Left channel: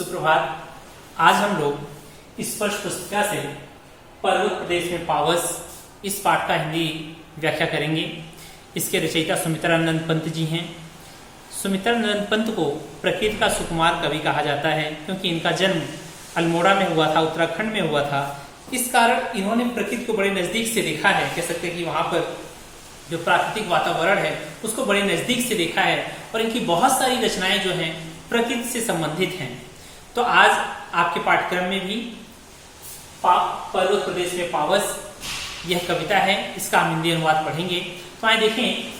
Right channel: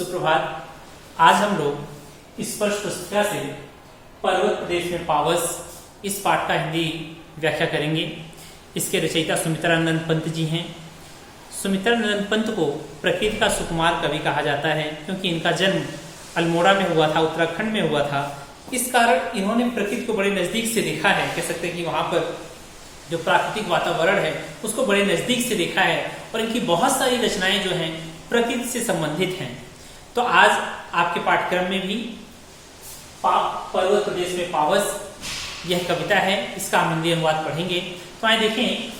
सुप्रभात। आज हम लोग स्पर्श पुस्तिका से पर्वत प्रदेश में पावस इस पाठ का हिंदी व्याख्या करेंगे। इसके रचयिता सुमित्रानंद पंत जी हैं। सुमित्रानंद पंत को प्रकृति का सुकुमार कवि कहा जाता है क्योंकि इनका जन्म अल्मोड़ा में हुआ था, उत्तराखंड में हुआ था। इस कारण इन्होंने प्रकृति को बड़े नजदीक से देखा है। कह सकते हैं कि वहां पर जो प्राकृतिक वातावरण है उसको बड़े नजदीक से देखा है और इनकी बहुत सारी रचनाएं जो हैं प्रकृति से संबंधित हैं। तो आज आपके पाठ्यक्रम में भी पर्वत प्रदेश में पावस यह कविता है, इसका हम हिंदी अनुवाद पढ़ेंगे। तो आइए देखें,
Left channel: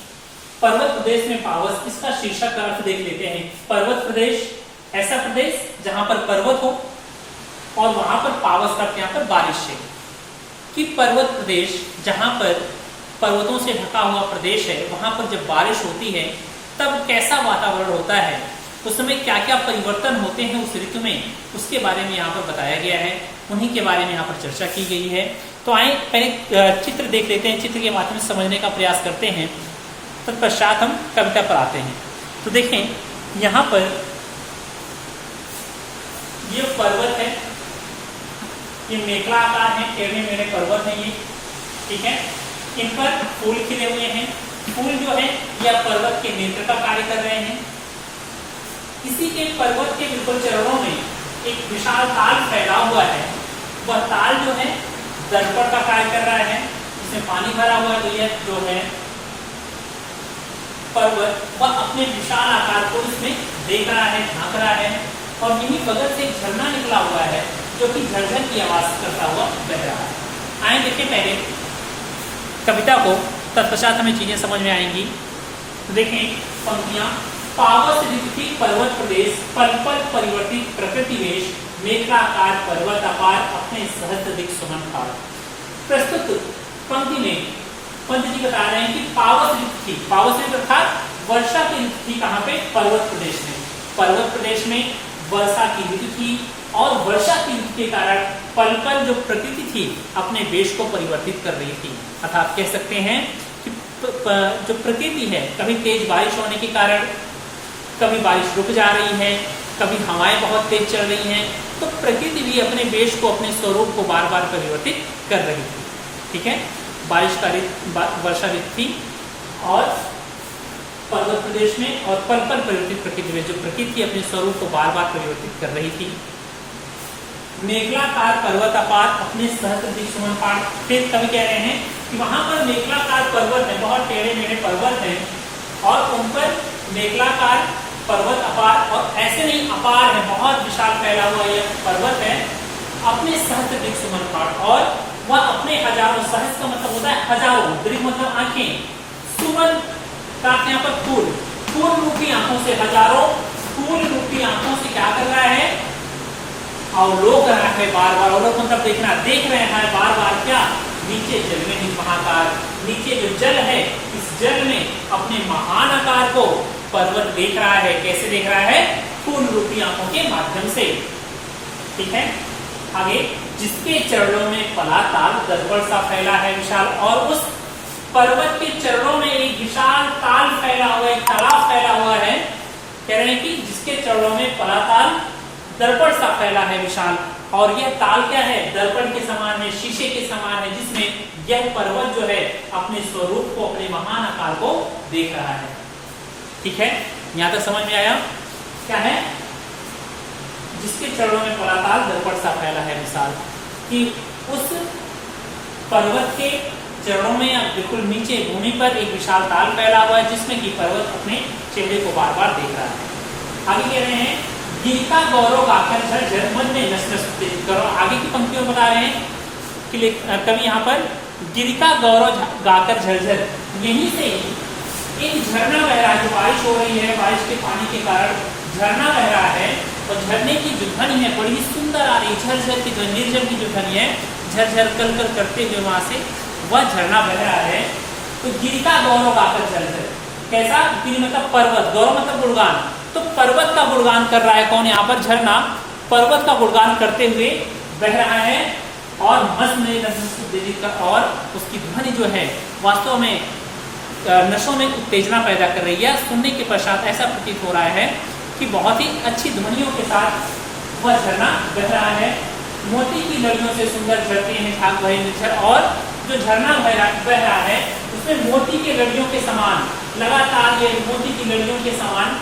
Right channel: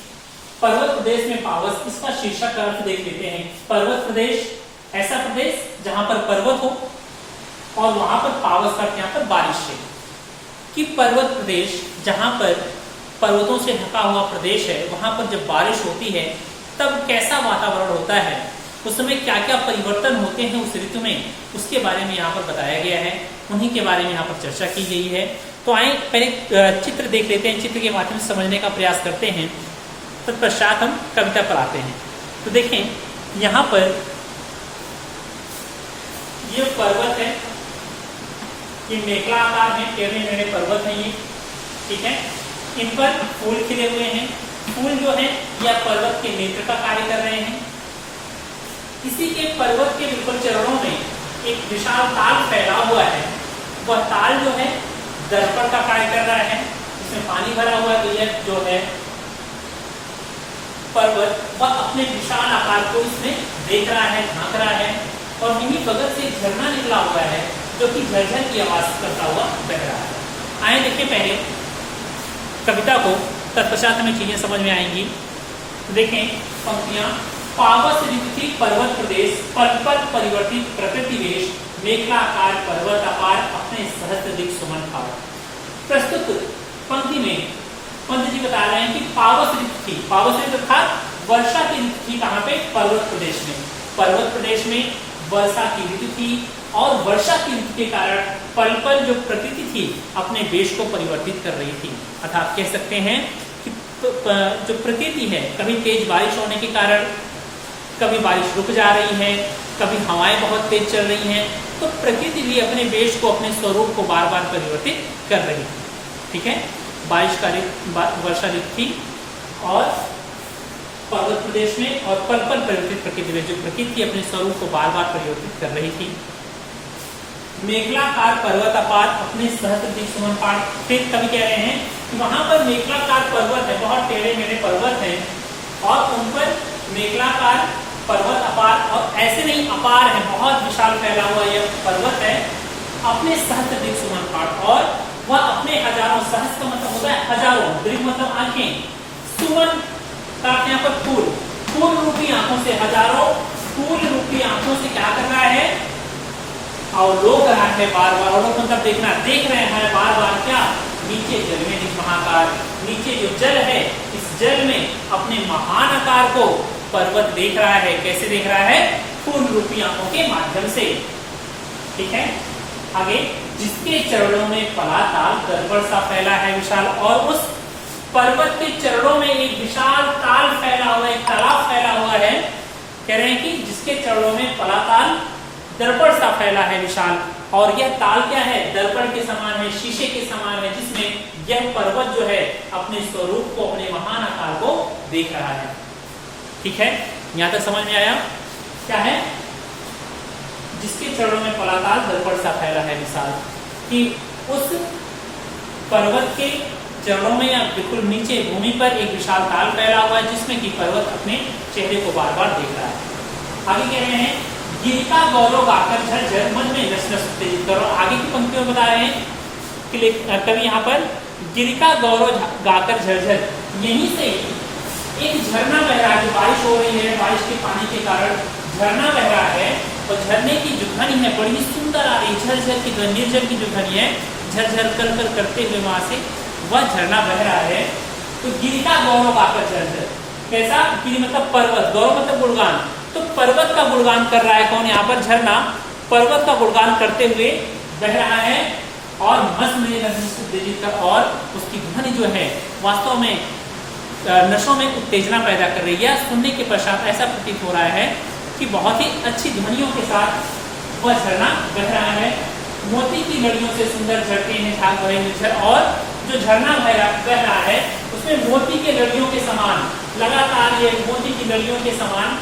पर्वत प्रदेश में पावस, इसका शीर्षक का अर्थ देख लेते हैं। पर्वत प्रदेश ऐसा प्रदेश जहां पर पर्वत हो और वहां पर पावस का यहाँ पर बारिश है। कि पर्वत प्रदेश जहां पर पर्वतों से ढका हुआ प्रदेश है, वहां पर जब बारिश होती है तब कैसा वातावरण होता है, उस समय क्या क्या परिवर्तन होते हैं उस ऋतु में, उसके बारे में यहाँ पर बताया गया है। उन्हीं के बारे में यहाँ पर चर्चा की गई है। तो आए पहले चित्र देख लेते हैं, चित्र के माध्यम से समझने का प्रयास करते हैं, तत्पश्चात हम कविता पर आते हैं। तो देखें यहाँ पर ये पर्वत है, ये मेखला आकार है, टेढ़े मेढ़े पर्वत है ये, ठीक है। इन पर फूल खिले हुए हैं। फूल जो है यह पर्वत के नेत्र का कार्य कर रहे हैं। इसी के पर्वत के बिल्कुल चरणों में एक विशाल ताल फैला हुआ है। वह ताल जो है दर्पण का कार्य कर रहा है, इसमें पानी भरा हुआ है। तो यह जो है पर्वत वह अपने विशाल आकार को इसमें देख रहा है, झांक रहा है। और इन्हीं बगल से एक झरना निकला हुआ है जो कि झरझर की आवाज करता हुआ बह रहा है। आए देखिए पहले कविता को, तत्पश्चात हमें चीजें समझ में आएंगी। तो देखें पंक्तियां। पावस ऋतु पर्वत प्रदेश, पल पल परिवर्तित प्रकृति वेश, मेघलाकार पर्वत अपार, अपने सहस्त्र दिक सुमन भाव। प्रस्तुत पंक्ति में पंत जी बता रहे हैं कि पावस ऋतु थी, पावस ऋतु अर्थात वर्षा की ऋतु थी। कहाँ पे? पर्वत प्रदेश में। पर्वत प्रदेश में वर्षा की ऋतु थी और वर्षा की ऋतु के कारण पल पल जो प्रकृति थी अपने वेश को परिवर्तित कर रही थी। अर्थात कह सकते हैं कि जो प्रकृति है, कभी तेज बारिश होने के कारण कभी बारिश रुक जा रही है, कभी हवाएं बहुत तेज चल रही हैं, तो प्रकृति भी अपने वेश को, अपने स्वरूप को बार बार परिवर्तित कर रही थी, ठीक है। बारिश का वर्षा ऋतु थी और पर्वत प्रदेश में, और पल पल परिवर्तित प्रकृति में जो प्रकृति अपने स्वरूप को बार बार परिवर्तित कर रही थी। मेघलाकार पर्वत अपार, अपने सहस्त्र दिक सुमन पार। फिर कवि कह रहे हैं कि वहां पर मेघलाकार पर्वत है, बहुत टेढ़े मेढ़े पर्वत हैं और उन पर मेघलाकार पर्वत अपार, और ऐसे नहीं अपार है, बहुत विशाल फैला हुआ यह पर्वत है। अपने सहस्त्र दिक सुमन पार, और वह अपने हजारों, सहस्त्र मतलब होता है हजारों, दीर्घ मतलब आंखें, सुमन का यहाँ पर फूल, फूल रूपी आंखों से, हजारों फूल रूपी आंखों से क्या कर रहा है? अवलोक रहा है बार बार। अवलोक मतलब देखना, देख रहे हैं बार बार। क्या? नीचे जल में इस महाकार, नीचे जो जल है इस जल में अपने महान आकार को पर्वत देख रहा है। कैसे देख रहा है? फूल रूपी आंखों के माध्यम से, ठीक है। आगे, जिसके चरणों में पला ताल दर्पण सा फैला है विशाल, और उस पर्वत के चरणों में एक विशाल ताल फैला हुआ, एक तालाब फैला हुआ है। कह रहे हैं कि जिसके चरणों में पला ताल दर्पण सा फैला है विशाल, और यह ताल क्या है? दर्पण के समान है, शीशे के समान है, जिसमें यह पर्वत जो है अपने स्वरूप को, अपने महान आकार को देख रहा है, ठीक है। यहां तक समझ में आया? क्या है? जिसके चरणों में पलाताल दर्पण सा फैला है विशाल, कि उस पर्वत के चरणों में या बिल्कुल नीचे भूमि पर एक विशाल ताल फैला हुआ है, जिसमें कि पर्वत अपने चेहरे को बार बार देख रहा है। आगे कह रहे हैं, गिरिका गौरव गाकर झरझर मन में नस नस उत्तेजित करो। आगे की पंक्तियों में बता रहे हैं कि कवि यहाँ पर गिरिका गौरव गाकर झरझर, यहीं से एक झरना बह रहा है। जो बारिश हो रही है, बारिश के पानी के कारण झरना बह रहा है, और झरने की जो ध्वनि है बड़ी ही सुंदर आ रही है। झरझर की ध्वनि, निर्जन की जो ध्वनि है, झरझर कल कल करते हुए वहां से वह झरना बह रहा है। तो गिरिका गौरव गाकर झरझर, कैसा? गिरि मतलब पर्वत, गौरव मतलब गुणगान, तो पर्वत का गुणगान कर रहा है। कौन? यहाँ पर झरना पर्वत का गुणगान करते हुए बह रहा है, और और उसकी ध्वनि जो है वास्तव में नशों में उत्तेजना पैदा कर रही है। सुनने के पश्चात ऐसा प्रतीत हो रहा है कि बहुत ही अच्छी ध्वनियों के साथ वह झरना बह रहा है। मोती की लड़ियों से सुंदर झरते हैं झाग भरे निर्झर, और जो झरना बह रहा है उसमें मोती की लड़ियों के समान, लगातार ये मोती की लड़ियों के समान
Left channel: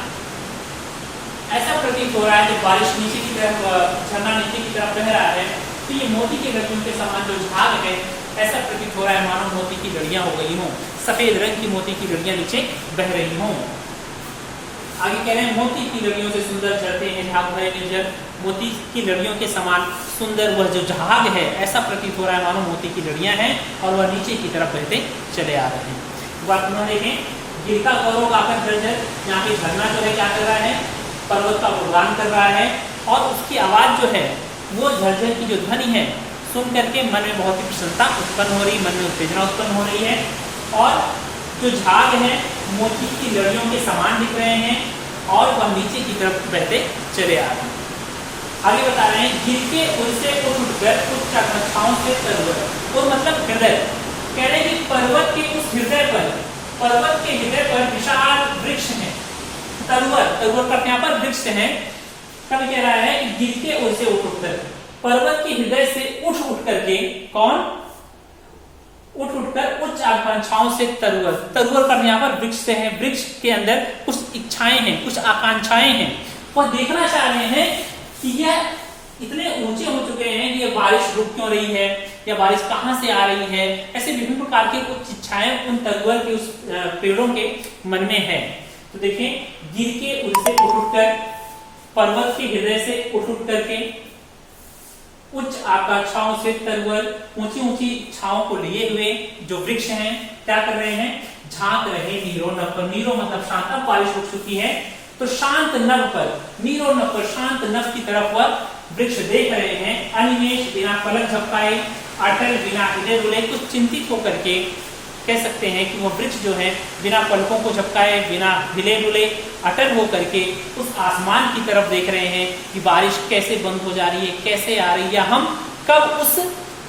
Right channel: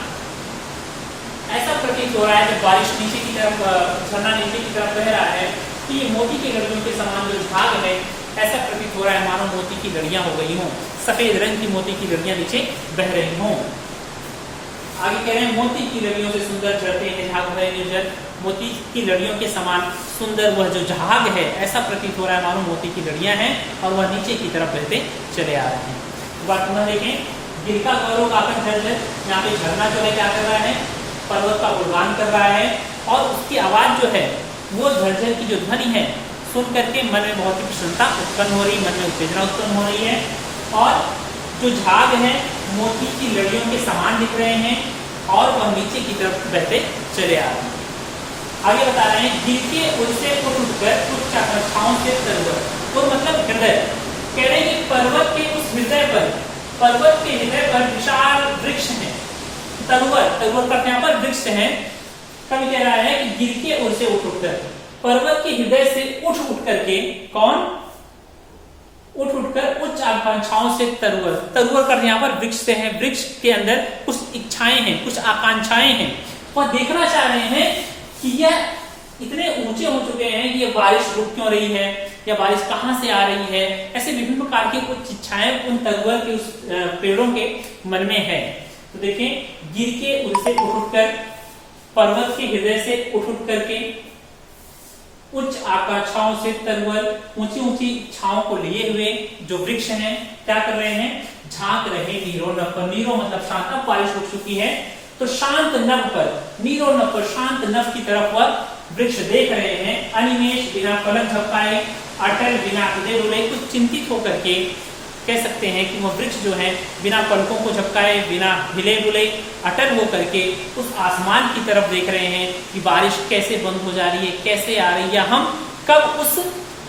ऐसा प्रतीत हो रहा है। जब बारिश नीचे की तरफ, झरना नीचे की तरफ बह रहा है तो ये मोती की लड़ियों के समान जो झाग है ऐसा प्रतीत हो रहा है मानो मोती की लड़ियां हो गई हों, सफेद रंग की मोती की लड़ियां नीचे बह रही हों। आगे कह रहे हैं मोती की लड़ियों से सुंदर झरते हैं झाग भरे निर्झर, मोती की लड़ियों के समान सुंदर वह जो झाग है ऐसा प्रतीत हो रहा है मानो मोती की लड़ियां हैं और वह नीचे की तरफ बहते चले आ रहे हैं। वर्तमान देखें, गिरता गौरव आकर झरझर, यहाँ पे झरना जो है क्या कर रहा है, पर्वत का गुणगान कर रहा है और उसकी आवाज जो है वो झरझर की जो ध्वनि है सुन करके मन में बहुत ही प्रसन्नता उत्पन्न हो रही, मन में उत्तेजना उत्पन्न हो रही है। और जो झाग है मोती की लड़ियों के समान दिख रहे हैं और वह नीचे की तरफ बहते चले आ रहे हैं। आगे बता रहे हैं, गिर के उड़से उठकर उच्च आकांक्षाओं से तरवर, और मतलब हृदय, कह रहे हैं कि पर्वत के उस हृदय पर, पर्वत के हृदय पर विशाल वृक्ष है, तरवर का यहाँ पर वृक्ष है। कब कह रहा है कि गिर के उड़से उठकर, पर्वत के हृदय से उठ करके, कौन उठ कर उच्च आकांक्षाओं से तरवर कर यहाँ पर वृक्ष से है, वृक्ष के अंदर कुछ इच्छाएं हैं, कुछ आकांक्षाएं हैं, वह देखना चाह रहे हैं कि यह इतने ऊंचे हो चुके हैं कि ये बारिश रुक क्यों रही है या बारिश कहाँ से आ रही है। ऐसे विभिन्न प्रकार की कुछ इच्छाएं उन तरवर के उस पेड़ों के मन में है। तो देखिए, गिर के उड़से उठ कर, पर्वत के हृदय से उठ करके, उच्च आकांक्षाओं से तरवर, ऊंची ऊंची इच्छाओं को लिए हुए जो वृक्ष हैं क्या कर रहे हैं, झांक रहे नीरो नभ पर। नीरो मतलब शांत, अब बारिश रुक चुकी है तो शांत नभ पर, नीरो नभ पर, शांत नभ की तरफ वह वृक्ष देख रहे हैं। अनिमेष बिना पलक झपकाए, अटल बिना हृदय रुले, कुछ चिंतित होकर के कह सकते हैं कि वह वृक्ष जो है बिना पलकों को झपकाए, बिना हिले डुले, अटल हो करके उस आसमान की तरफ देख रहे हैं कि बारिश कैसे बंद हो जा रही है, कैसे आ रही है, हम कब उस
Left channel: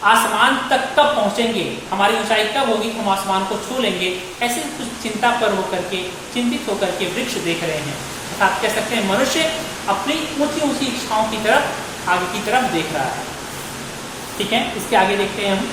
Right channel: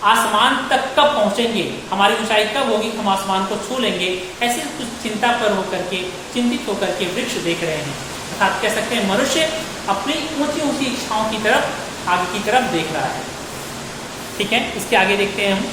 आसमान तक कब पहुंचेंगे, हमारी ऊंचाई कब होगी, हम आसमान को छू लेंगे। ऐसे कुछ चिंता पर होकर के, चिंतित होकर के वृक्ष देख रहे हैं। अर्थात कह सकते हैं मनुष्य अपनी ऊंची ऊंची इच्छाओं की तरफ, आगे की तरफ देख रहा है। ठीक है, इसके आगे देखते हैं हम।